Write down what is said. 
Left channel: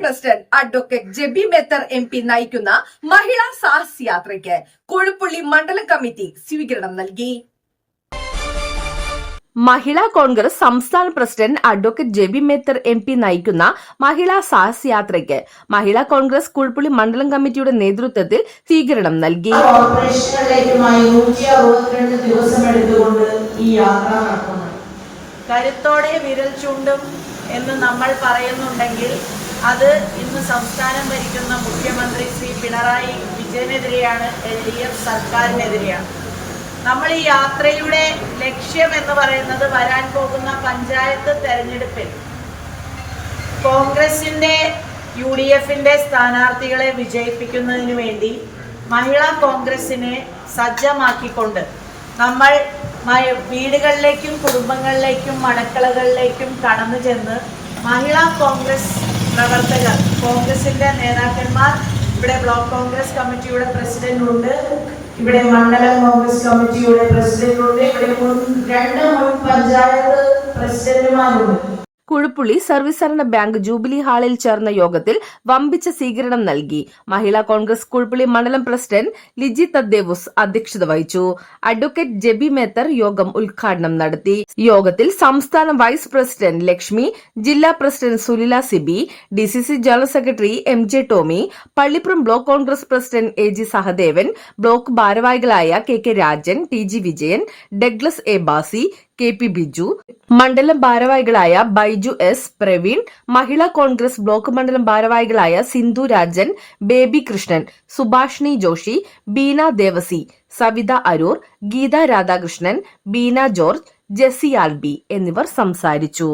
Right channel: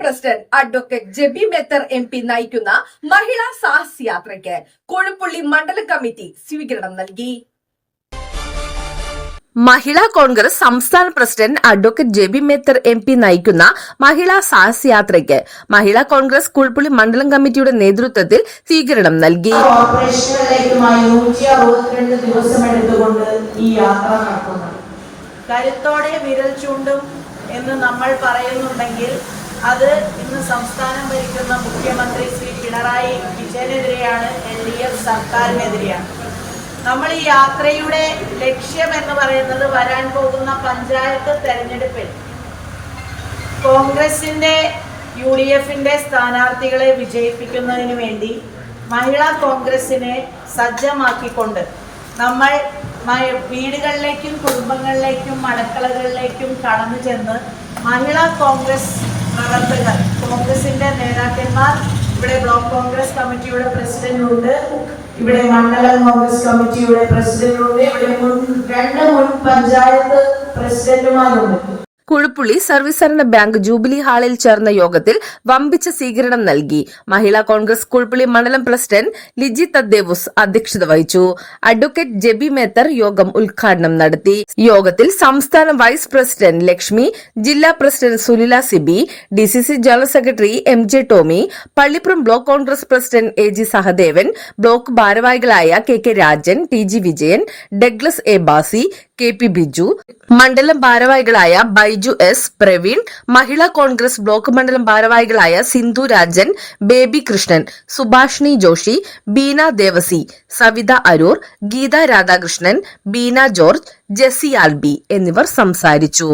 President advocate Jebi Mather M P നയിക്കുന്ന മഹിളാ സാഹസ് യാത്രയ്ക്ക് കോഴിപ്പള്ളി മണ്ഡലം കമ്മിറ്റി സ്വീകരണം നൽകി. മഹിളാ കോൺഗ്രസ് സംസ്ഥാന president advocate Jebi Mather M P നയിക്കുന്ന മഹിളാ സാഹസ് യാത്രയ്ക്ക് മഹിളാ കോൺഗ്രസ് കുൾപ്പുള്ളി മണ്ഡലം കമ്മിറ്റിയുടെ നേതൃത്വത്തിൽ സ്വീകരണം നൽകി. കരുത്തോടെ വിരൽ ചൂണ്ടും എന്ന് നമ്മൾ പറയുന്നുണ്ടെങ്കിൽ അത് ഇന്ന് സംസ്ഥാനം ഭരിക്കുന്ന മുഖ്യമന്ത്രി ശ്രീ പിണറായി വിജയനെതിരെയാണ് എൽ ഡി എഫ് സർക്കാരിനെതിരെയാണ്. നമ്മൾ ഈ യാത്രയുടെ ലക്ഷ്യം എന്ന് പറയുന്നത് വരാൻ പോകുന്ന പഞ്ചായത്ത് തെരഞ്ഞെടുപ്പിൽ കോൺഗ്രസിന്റെ യു ഡി എഫിന്റെ സ്ഥാനാർത്ഥികളെ വിജയിപ്പിക്കുന്നതിന് വേണ്ടി മഹിളാ കോൺഗ്രസിനെ സജ്ജമാക്കിക്കൊണ്ട് നമ്മൾ വീടുകളിലേക്കും കുടുംബങ്ങളിലേക്കും മണക്കളകളിലേക്കും കടന്നു ചെന്ന് മഹിളാ കോൺഗ്രസ് പ്രവർത്തകർ കോൺഗ്രസിന്റെ നേതാക്കന്മാർ ഇവിടെ ബ്ലോക്ക് കോൺഗ്രസ് കമ്മിറ്റിയുടെ പ്രസിഡന്റ് ഉണ്ട് ഇവിടെ മണ്ഡല കോൺഗ്രസ് കമ്മിറ്റിയുടെ പ്രസിഡന്റ് ഉണ്ട് ഇവിടെ മുൻ രണ്ട് മുൻ പഞ്ചായത്ത് പ്രസിഡന്റുമാരുണ്ട്. കുഴുപ്പുള്ളി സരണ ബാങ്ക് ജൂബിലി ഹാളിൽ ചേർന്ന യോഗത്തിൽ വമ്പിച്ച സ്വീകരണം നൽകി. മഹിളാ കോൺഗ്രസ് കുഴുപ്പുള്ളി മണ്ഡലം പ്രസിഡന്റ് ലിജി തദ്ദേവുസ് അധ്യക്ഷത വഹിച്ചു. അഡ്വക്കേറ്റ് ജെബി മേത്തർ യോഗം ഉദ്ഘാടനം നടത്തി. യോഗത്തിൽ സംസ്ഥാന വൈസ് പ്രസിഡന്റ് ലക്ഷ്മി ജില്ലാ president Sunila Sibi D C C general secretary M J Tomy Pallippuram block Congress president A G Sahadevan block ഭാരവാഹികളായ K K Rajan T G Vijayan Douglas A Basi K P Biju മണ്ഡലം ഭാരവാഹികളായ Baiju S Praveen Mahila Congress block മണ്ഡലം ഭാരവാഹികളായ Sindhu Rajan Baby Krishnan Subhashini Joshi Beena Devasi Savitha Aroor Geetha Radhakrishnan Beena George Jessy Alby എന്നിവർ സംസാരിച്ചു.